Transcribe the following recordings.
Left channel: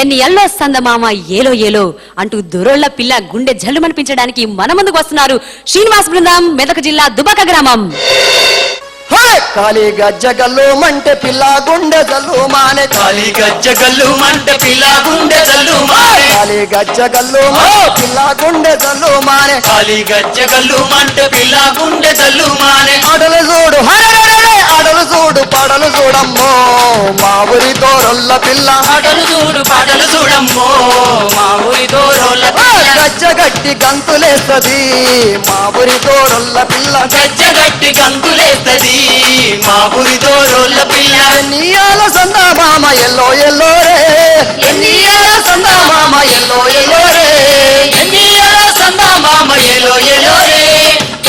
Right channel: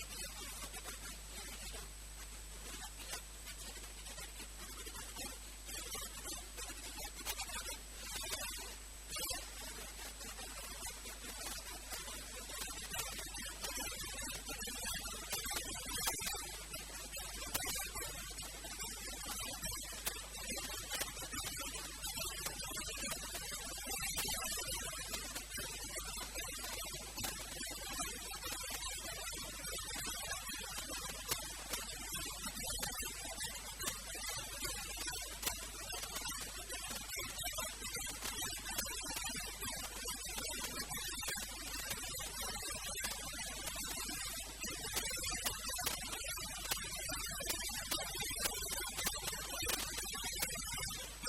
ఎన్ని ఎల్లో సందమామ ఏలో ఏలో అంటూ దొరోళ్ల పిల్ల గుండె జల్లుమనిపించడానికి మన ముందుకు వస్తున్నారు శ్రీనివాస్ బృందం, మెదక్ జిల్లా దుబాక గ్రామం. కాళీ గజ్జగల్లు మంటే పిల్ల గుండె జల్లు మానే, కాళీ గజ్జగల్లు మంటే పిల్ల గుండె జల్లు మానే, కాళీ గజ్జగల్లు పిల్ల గుండె జల్లు మానే, కాళీ గజ్జగల్లు మంటే పిల్ల గుండె జల్లు మానే. ఆడలు చూడు ఆడలు చూడు పాడలు చూడమ్మో మా ఊరి దోరొల్ల పిల్ల, ఆటలు చూడు పాటలు చూడమ్మో మా ఊరి దోరోళ్ళ పిల్ల, గజ్జగట్టి గంతులేస్తది మా ఊరి దోరొల్ల పిల్ల, గజ్జగట్టి గంతులేస్తది మా ఊరి దోరోళ్ళ పిల్ల. ఎన్నియాల సందా మామ ఎల్లో ఎల్లో రే, ఎన్నియాల సందా మామ ఎల్లో ఎల్లో రే, ఎన్నియాల సందా మామ ఎలో ఎలో రే,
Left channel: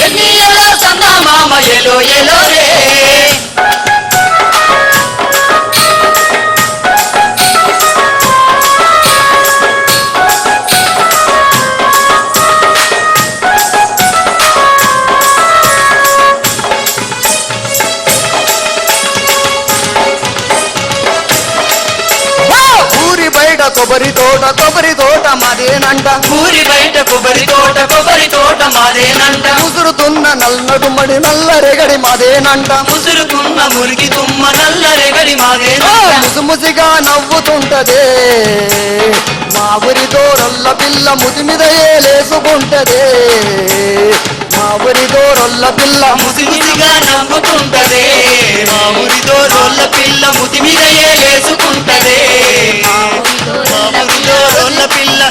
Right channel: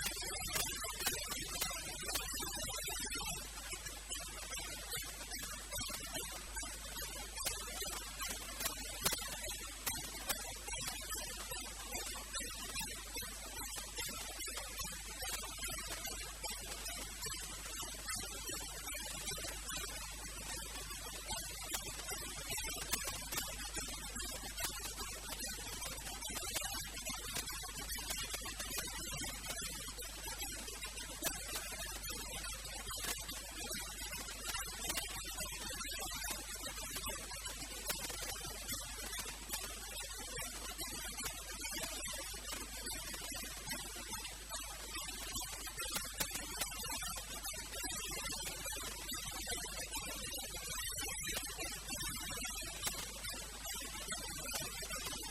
ఎన్నియాల సందా మామ ఎలో ఎలో రే. కొబ్బరి తోట మాదేనంట, ఊరి బయట కొబ్బరి తోట మాదేనంట, ముసురుతున్న నల్లడుమడి నల్ల రెగడి మాదేనంట, ముసురుకున్న మురికి తుమ్మ నల్ల రెగడి మాదేనంట, ముసిముసిగా నవ్వుతుంటదే మా ఊరి దోరొల్ల పిల్ల, ముది మీద ఏలేసుకుంటదే మా ఊరి దోరొల్ల పిల్ల, ముసిముసిగా నవ్వుతుంటదే మా ఊరి దోరోళ్ళ పిల్ల, ముది మీద ఏలేసుకుంటదే మా ఊరి దోరోళ్ళ పిల్ల.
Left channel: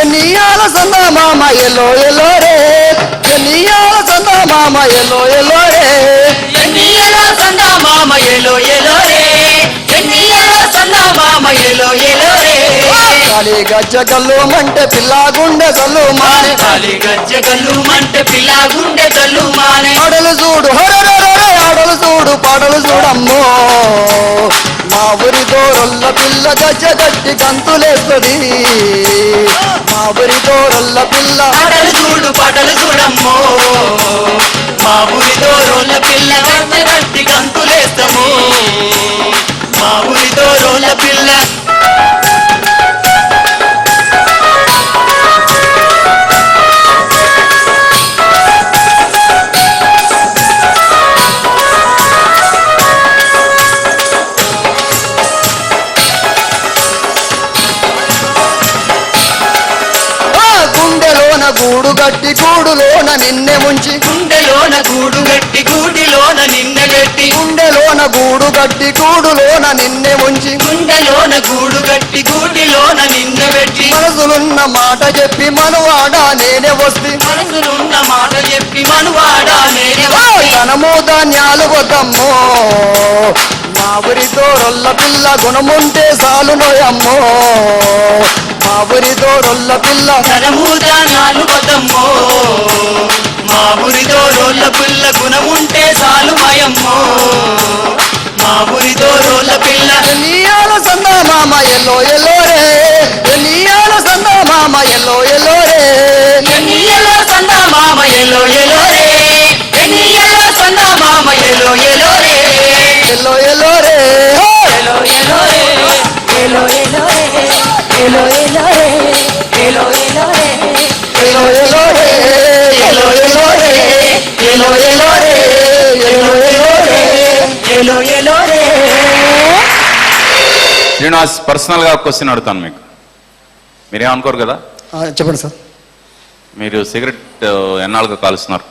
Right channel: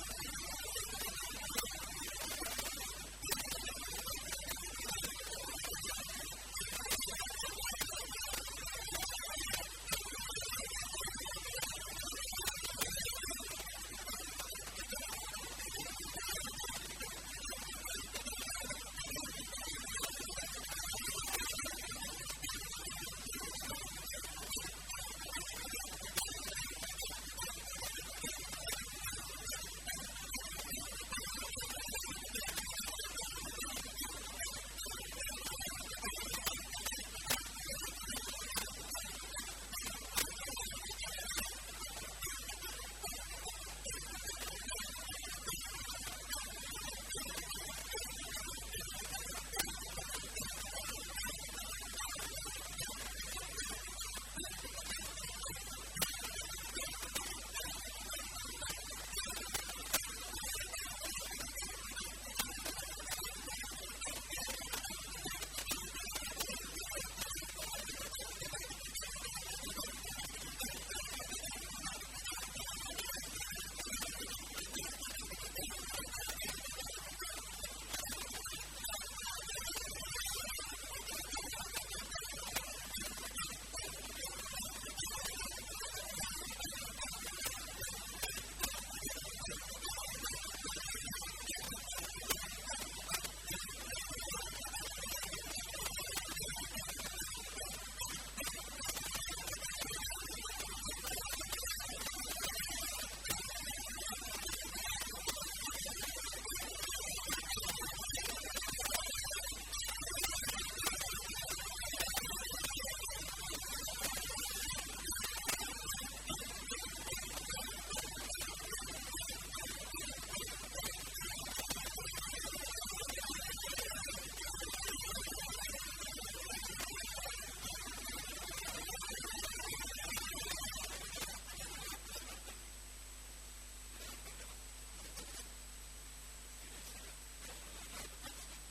ఎన్నియాల సందా మామ ఎల్లో ఎల్లో రే, ఎన్నియాల సందా మామ ఎల్లో ఎల్లో రే, ఎన్నియల సందా మామ ఎలో ఎలో రే, ఎన్నియల సందా మామ ఎలో ఎలో రే. కాళీ గజ్జగల్లు మంటే పిల్ల గుండె జల్లు మానే, కాళీ గజ్జగల్లు మంటే పిల్ల గుండె జల్లు మానే. ఆడలు చూడు ఆడలు చూడు పాడలు చూడమ్మో మా ఊరి దోరొల్ల పిల్ల, గజ్జగట్టి గంతులేస్తది మా ఊరి దోరొల్ల పిల్ల, ఆటలు చూడు పాటలు చూడమ్మో మా ఊరి దోరోళ్ళ పిల్ల, గట్టి గంతులేస్తాము మా ఊరి దోరోళ్ళ పిల్ల. గుండెలోన గూడు గట్టి గూడులోన నిన్నె ముంచి, గుండెలోన గూడు గట్టి గూటిలోన నిన్న గట్టి, గుండెలోన గూడు గట్టి గూడులోన నిన్నె ముంచి, గుండెలోన గూడు గట్టి గూటిలోన నిన్న పెట్టి, మనసులున్న మాట చెప్పి మనువాడా నేనే వస్తి, మనసులున్న మాట చెప్పి మనువాడా నేనే వస్తి. ధనము ధాన్యాలు వద్దమ్మో మా ఊరి దోరొల్ల పిల్ల, గుణముంటే సాలు నోయమ్మో మా ఊరి దోరొల్ల పిల్ల, ధనము దానాలు వదమ్మో మా ఊరి దోరోళ్ళ పిల్ల, గుణముంటే చాలు మయమ్మో మా ఊరి దోరోళ్ళ పిల్ల. ఎన్నియాల సందా మామ ఎల్లో ఎల్లో రే, ఎన్నియాల సందా మామ ఎల్లో ఎల్లో రే, ఎన్నియల సందా మామ ఎలో ఎలో రే, ఎన్నియల సందా మామ ఎలో ఎలో రే, ఎల్లో ఎల్లో రే, ఎలో ఎలో రే, ఎలో ఎలో రే, ఎలో ఎలో రే, ఎలో ఎలో రే, ఎల్లో ఎల్లో రే, ఎలో ఎలో రే, ఎలో ఎలో రే, ఎలో ఎలో రే, ఎలో ఎలో రే. శ్రీనివాస్, పర్సనల్గా క్వశ్చన్ అడుగుతాను మీకు, మీరేమనుకోరు కదా? చెప్పండి సార్. మీరు సిగరెట్ ఎన్నాళ్ళుగా కాలుస్తున్నారు?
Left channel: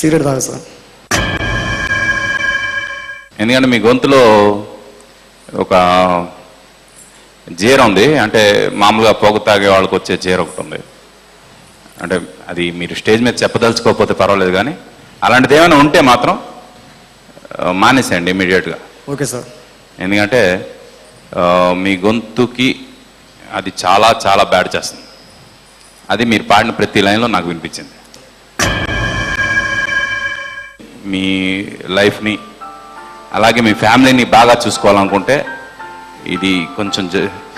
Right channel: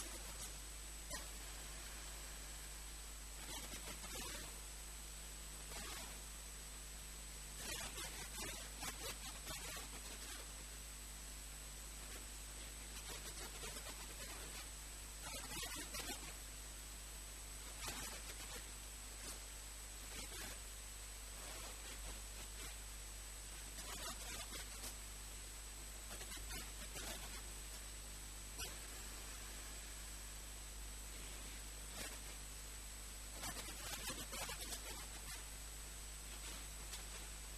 సిగరెట్ తాగా సార్. ఎందుకంటే మీ గొంతులో ఒక జీర ఉంది, అంటే మామూలుగా పొగ తాగే వాళ్ళకి వచ్చే జీర ఒకటి ఉంది. అంటే అది మీరు స్టేజ్ మీద చెప్పదలుచుకోకపోతే పర్వాలేదు, కానీ అలాంటిది ఏమైనా ఉంటే మాత్రం మానేసేయండి ఇమీడియట్గా. Okay sir. ఎందుకంటే మీ గొంతుకి అది చాలా చాలా బ్యాడ్ చేస్తుంది. అది మీరు పాడిన ప్రతి లైన్లో నాకు వినిపించింది. మీ లైఫ్ని అలాగే మీ ఫ్యామిలీని బాగా చూసుకోవాలనుకుంటే ఇది కొంచెం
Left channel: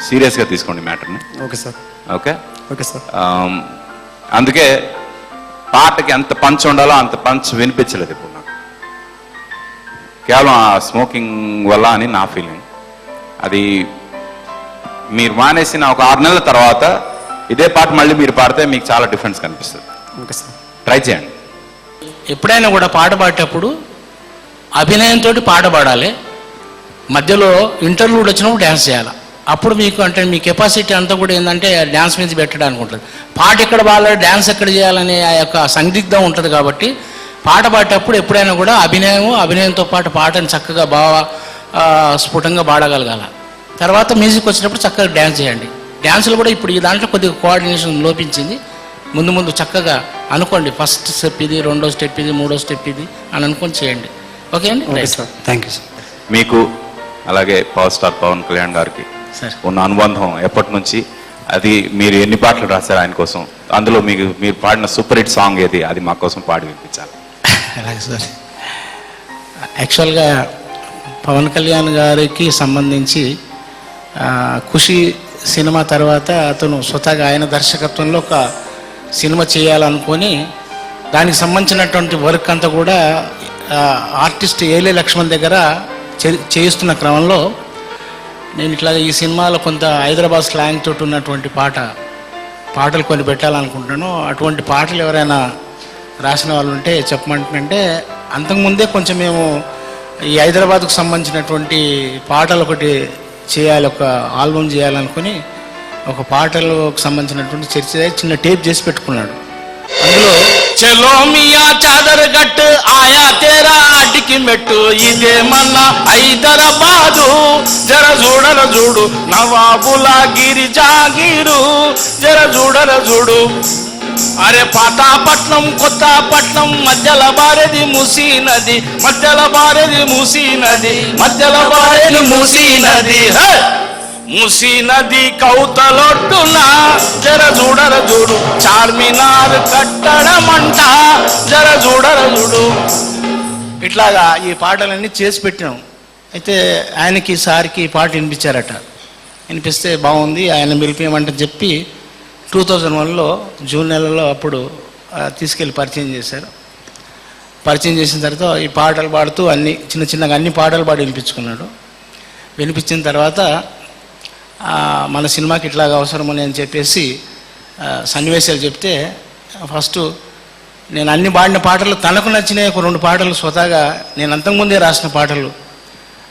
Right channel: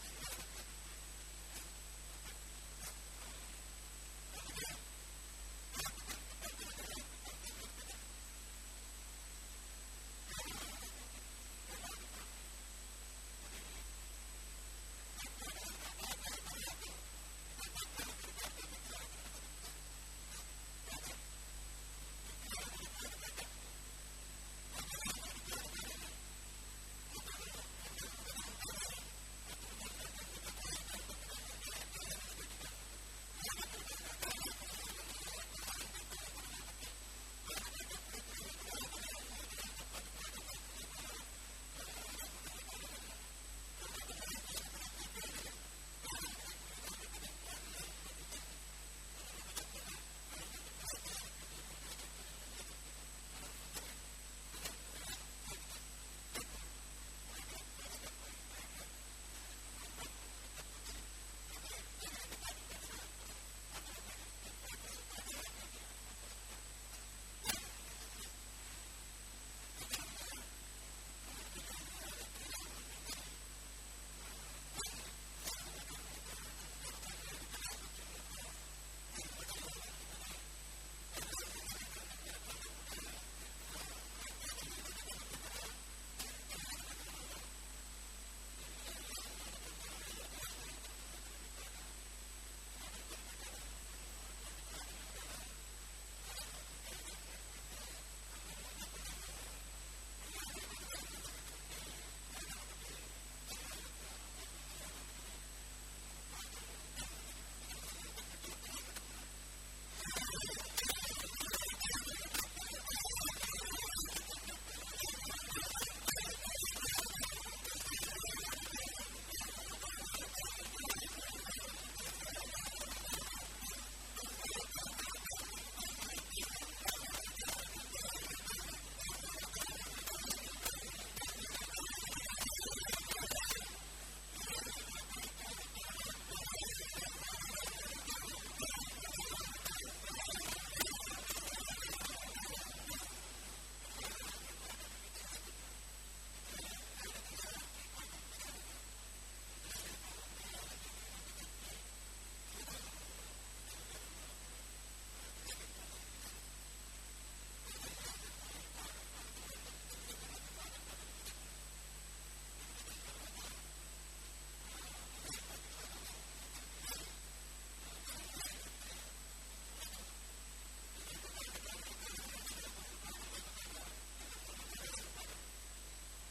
సీరియస్గా తీసుకోండి మ్యాటర్ని. Okay sir. Okay okay sir. అందుకే పాటకి ఎంత పంచ్ ఉండాలో అంత పంచ్ వినిపించలేదు ఇప్పుడు నాకు. కేవలం ఆ స్మోకింగ్ వల్ల అని నా ఫీలింగ్. అది మీరు మానేసిన ఒక 6 నెలల తర్వాత ఇదే పాట మళ్ళీ మీరు పాడితే మీకు చాలా డిఫరెన్స్ కనిపిస్తుంది. Okay sir. ట్రై చేయండి. ఎప్పుడైనా కూడా పాట పాడేటప్పుడు అభినయంతో పాట పాడాలి, మధ్యలో ఇంటర్వ్యూడ్ వచ్చినప్పుడు డ్యాన్స్ చేయాలి. అప్పుడు మీకు అంటే మీ కెపాసిటీ అంతా కూడా ఏంటంటే డ్యాన్స్ మీద పెట్టడానికి ఉంటుంది. పాట ఎక్కడ పాడాలి, డ్యాన్స్ ఎక్కడ చేయాలనే ఆ యొక్క సందిగ్ధం ఉంటుంది. కాబట్టి పాట పాడేటప్పుడు ఎప్పుడైనా కూడా అభినయంతో పాటు పాటని చక్కగా బాగా స్ఫుటంగా పాడగలగాల. తర్వాత మ్యూజిక్ వచ్చినప్పుడు చక్కగా డ్యాన్స్ చేయండి. డ్యాన్సులు కూడా ఇప్పుడు ఈ దాంట్లో కొద్దిగా కోఆర్డినేషన్ లోపించింది. ముందు చక్కగా అనుకోండి, ఫస్ట్ స్టెప్ ఇది, రెండో స్టెప్ ఇది, మూడో స్టెప్ ఇది అని అనుకొని చేయండి. ఓకే అండి. Okay sir, thank you sir. మీకు అలాగే పవర్ స్టార్ పవన్ కళ్యాణ్ గారికి సార్ ఉన్న అనుబంధం ఎప్పటి నుంచి, అది మీరు ఎన్ని పాటలు రాశారు ఆయన కోసం, అందులో మీరు పాడిన సూపర్ హిట్ సాంగ్ ఏది, అది మా కోసం పాడి వినిపించాలి. అలాగే సార్. యాక్చువల్గా పవన్ కళ్యాణ్ గారికి సంబంధించి ఖుషి సినిమా తర్వాత అతను స్వతహాగా ఆయన దర్శకత్వంలో ఒక సినిమా చేయాలనుకొని దానికి సంబంధించినటువంటి వర్క్ అంతా కూడా ఆర్టిస్ట్ ఏలే లక్ష్మణ్ దగ్గర చేయిస్తున్న క్రమంలో నేను ఇట్లా ఈ సినిమాలో కొంత హైదరాబాద్ స్లాంగ్ తోటి ఉన్నటువంటి పాటలు కొన్ని పెట్టాలనుకుంటాను. అటువంటి పాటలు ఎవరైనా రాసిన వాళ్ళు ఉంటే చెప్పమంటే, అంతకుముందే కొంచెం మేము ఈ హైదరాబాద్కు సంబంధించినటువంటి పాటలు ఒకటి చేయాలి, ఒక ఆల్బమ్ చేయాలనుకుని ఒక పాటలకు సంబంధించినటువంటి చర్చ చిన్న టేప్ చేసి పెట్టుకున్నాడు. అందులో చలో మియా చాదర్ గట్టు ఆయా తేరా అడ్డికి మెట్టు ఇదేమన్నా హైదరాబాదు జర చూడర చూడు నవాబుల గిరి జాగీరు జర చూడర చూడు అరే పాతాపట్నం కొత్తపట్నం మధ్యల బారేది మూసీ నది మధ్యల బారేది మూసీ నది మధ్యల బారేది మూసీ నది మూసీ నది కౌతలొడ్డున జర చూడర చూడు చార్మినార్ కట్టడమంట జర చూడర చూడు. ఇట్లాగా ఈ పాటలన్నీ చేసి పెట్టినాం. అయితే ఆయనకి సార్కి ఈ పాట వినిపించారట. వినిపిస్తే బాగుంది, ఆయన పిలిపియమంటే చెప్పి 2001లో జూన్ నెలలో అప్పుడు తీసుకెళ్ళి పరిచయం చేశారు. పరిచయం చేసిన తర్వాత ఈ పాటలు పాడుతూ చిన్నగా అన్ని పాటలు పాడి వినిపించుకున్నాడు. వినిపించిన తర్వాత మన సినిమాకి ఇట్లాగా అవసరమని అని చెప్పేసి సన్నివేశాలు చెప్తే, ఫస్ట్ నేను అన్ని పాడిన పాటలు తనకు నచ్చినాయి ఒక 2 పాటలు స్వతహాగా నేను అంతకుముందే రాసిన పాటలు.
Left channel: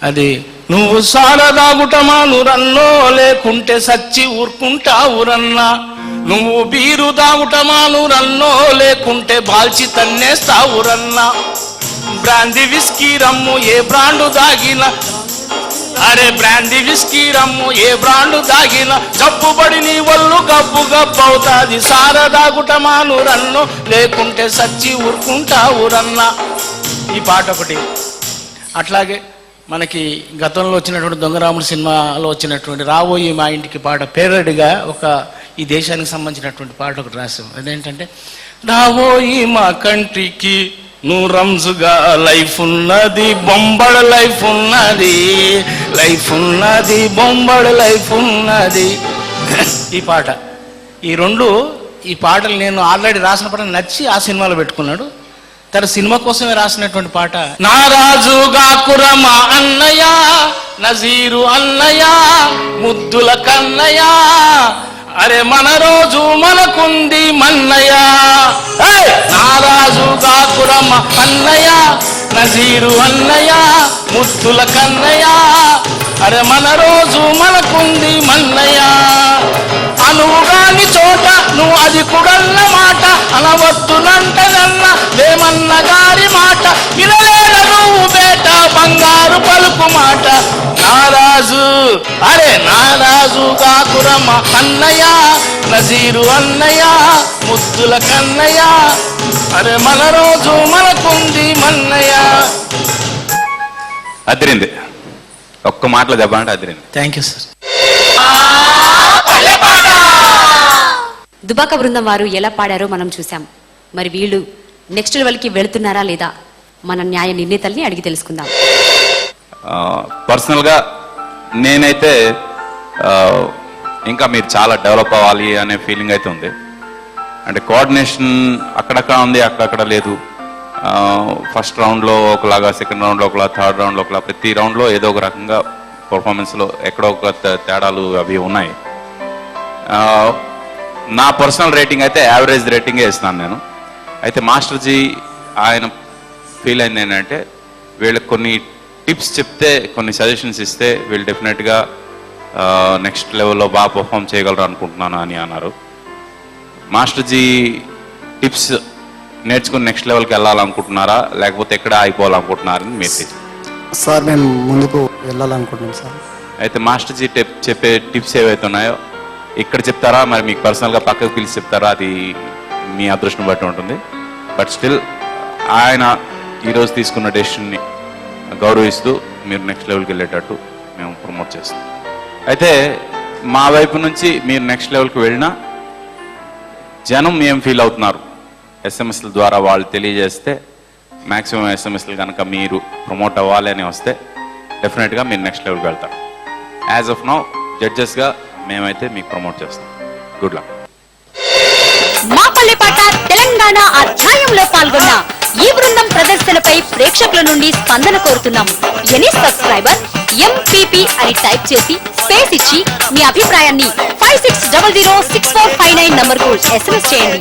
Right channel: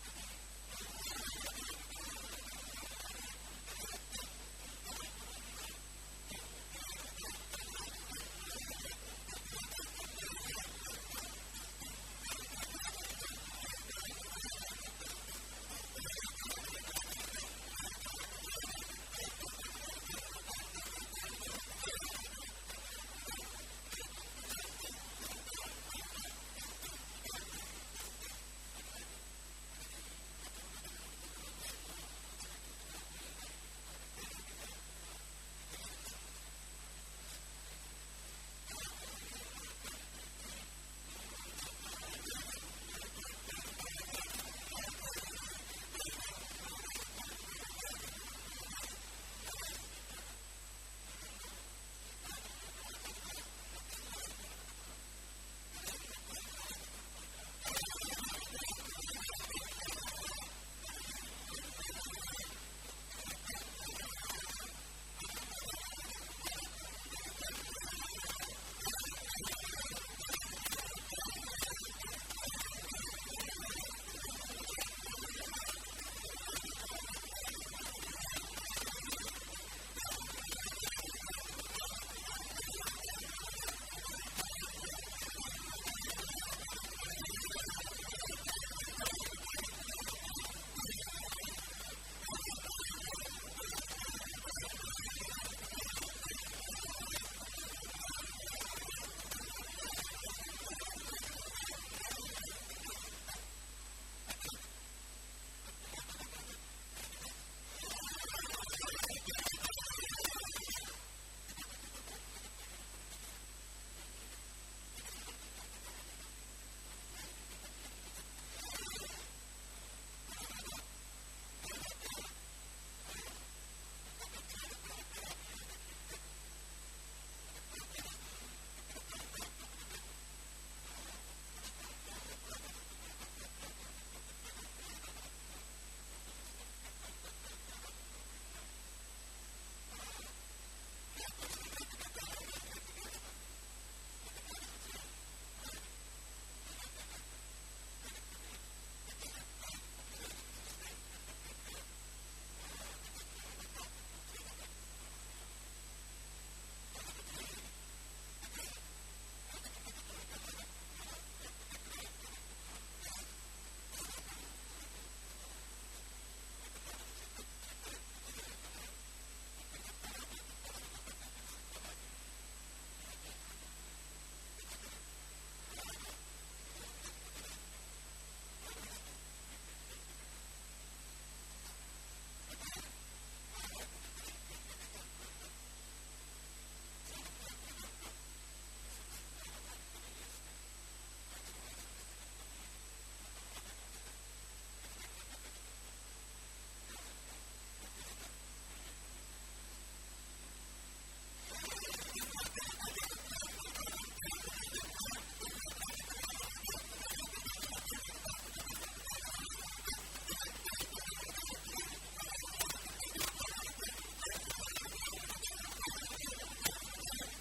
అది నువ్వు సారదాగుటమాను రన్నో లేకుంటే సచ్చి ఊరుకుంటావు రన్నా, నువ్వు బీరు దాగుటమాను రన్నో లేకుంటే బాల్చి తన్నేస్తావు రన్నా, బ్రాంది విస్కీ రమ్ము ఏ బ్రాండు దాగిన అరే బ్రాంది విస్కీ రమ్ము ఏ బ్రాండు దాగిన జబ్బుబడి నీ వల్లు గబ్బు గబ్బవుతాది, సారదాగుటమాను రన్ను లేకుంటే సచ్చి ఊరుకుంటావు రన్నా. ఈ పాట ఒకటి. అట్లాగే మనకి గతంలో వచ్చినటువంటి దొంగరాముడు సినిమాలో వచ్చినటువంటి రాబోయి మా ఇంటికి పాట పేరడిగా ఒక ఈ దేశానికి సంబంధించినటువంటి పాట ఒకటి రాసాం. అదేంటంటే రాబోయి మా కంట్రీకి నువ్వు రంజుగా లైఫ్ ఉన్నది బొంబడ లైఫ్ ఉన్నది, లైఫ్ ఉన్నది బొంబడ లైఫ్ ఉన్నది. ఈ పాట ఈ పాటలు నేను ఆల్రెడీ రాసిన పాట నచ్చి ఆ సినిమాలో పెట్టుకున్నాడు. తన సినిమా కోసమే రాసినటువంటి పాట. నారాజుగా కురమా అన్నయ్య నజీరు అన్నయ్య ముద్దుల కన్నయ్య అరే మన రోజు మనకుంది మన్నయ్య, నారాజుగా కురమ అన్నయ్య నజీరు అన్నయ్య ముద్దుల కన్నయ్య అరే మన రోజు మనకుంది మన్నయ్య, అనువుగాని చోట నువ్వు అది కుడన్న మాట అనవద్దునంటదన్న వేమన్న గారి మాట వినలేన నువ్వు బేట బంగారు పలుకు మాట, నారాజు అరే నారాజు కాకురమ్మ అన్నయ్య నజీరు అన్నయ్య ముద్దుల కన్నయ్య అరే మన రోజు మనకుంది మన్నయ్య. అదిరింది. ఒక్క మాటలో చెప్పాలంటే అదిరింది. Thank you sir. దుబాక బృందం వారు ఎలా పాడారో మనం చూసాం. మరి వీళ్ళు నెక్స్ట్ లెవెల్కి వెళుతున్నారా లేదా మన న్యాయ నిర్ణేతల్ని అడిగి తెలుసుకుందాం. పర్సనల్గా నేనైతే ఇంకా మీరు చాలా డెవలప్ అవ్వాలి అనే ఫీలింగ్ అయితే ఉంది. అంటే కోఆర్డినేషన్ అక్కడక్కడ ఉంది, అక్కడక్కడ లేదు. ఫస్ట్ రౌండ్లో ఒకలాగా, సెకండ్ రౌండ్లో ఒకలా, థర్డ్ రౌండ్లో ఒకలా, ప్రతి రౌండ్లో ఏదో ఒక రకంగా పర్ఫార్మెన్స్లో ఎక్కడో ఒక తేడాలు అవి ఉన్నాయి. నా పర్సనల్ రేటింగ్ అయితే యావరేజ్ రేటింగే ఇస్తున్నాను నేను. అయితే మాస్టర్జీ ఆయన ఫీల్ అయింది ఏంటంటే వీళ్ళకి కొన్ని టిప్స్ చెప్తే, కొన్ని సజెషన్స్ ఇస్తే వీళ్ళు డెఫినెట్గా నెక్స్ట్ లెవెల్లో బాగా పర్ఫామ్ చేయగలరు అనుకుంటున్నాను అని అన్నారు. మాస్టర్జీ టిప్స్ నేర్చుకుని నెక్స్ట్ లెవెల్కి వెళ్ళాలనుకుంటున్నారా, లేకపోతే ఎక్కడ అయిపోవాలనుకుంటున్నారని మీరు సార్ మేము ముందుకు వెళ్ళాలనుకుంటున్నాం సార్. అయితే మాస్టర్జీ చెప్పే టిప్స్ ఏవైతే ఉన్నాయో ఇక్కడ చెప్తారా, మరి మీకు పర్సనల్గా పక్కకు పిలిచి చెప్తారా, అది మీ అదృష్టం బట్టి ఉంటుంది. బట్ స్టిల్ ఆయన ఈరోజు తీసుకున్న డెసిషన్ని గౌరవిస్తూ మీరు నెక్స్ట్ లెవెల్కి వెళ్ళేటట్టు మేము ప్రమోట్ చేస్తాం. అయితే మా వైపు నుంచి మీరు నెక్స్ట్ లెవెల్కి వెళ్ళినా జనం ఏం ఫీల్ అవుతున్నారు ఎస్ఎంఎస్ల ద్వారా వాళ్ళు తెలియజేస్తే, మ్యాక్సిమం ఎస్ఎంఎస్లు కనుక మీరు ప్రమోట్ అవ్వాలి అని వస్తే డెఫినెట్గా మీరు నెక్స్ట్ లెవెల్కి వెళ్తారు. యాజ్ ఆఫ్ నౌ జడ్జెస్గా మేమైతే మీకు ప్రమోట్ చేస్తాం. Good luck. మా పల్లెపాట తెలంగాణ అధ్యాయంలో పాల్గొన్న ఈ బృందం ప్రదర్శనపై ప్రేక్షకుల నుండి స్పందన కోరుతున్నాం. ఎనీ సబ్స్క్రైబర్ ఎంపీపీ అని టైప్ చేసి స్పేస్ ఇచ్చి మీ అభిప్రాయాన్ని 56006459 నంబర్కు SMS చేయండి.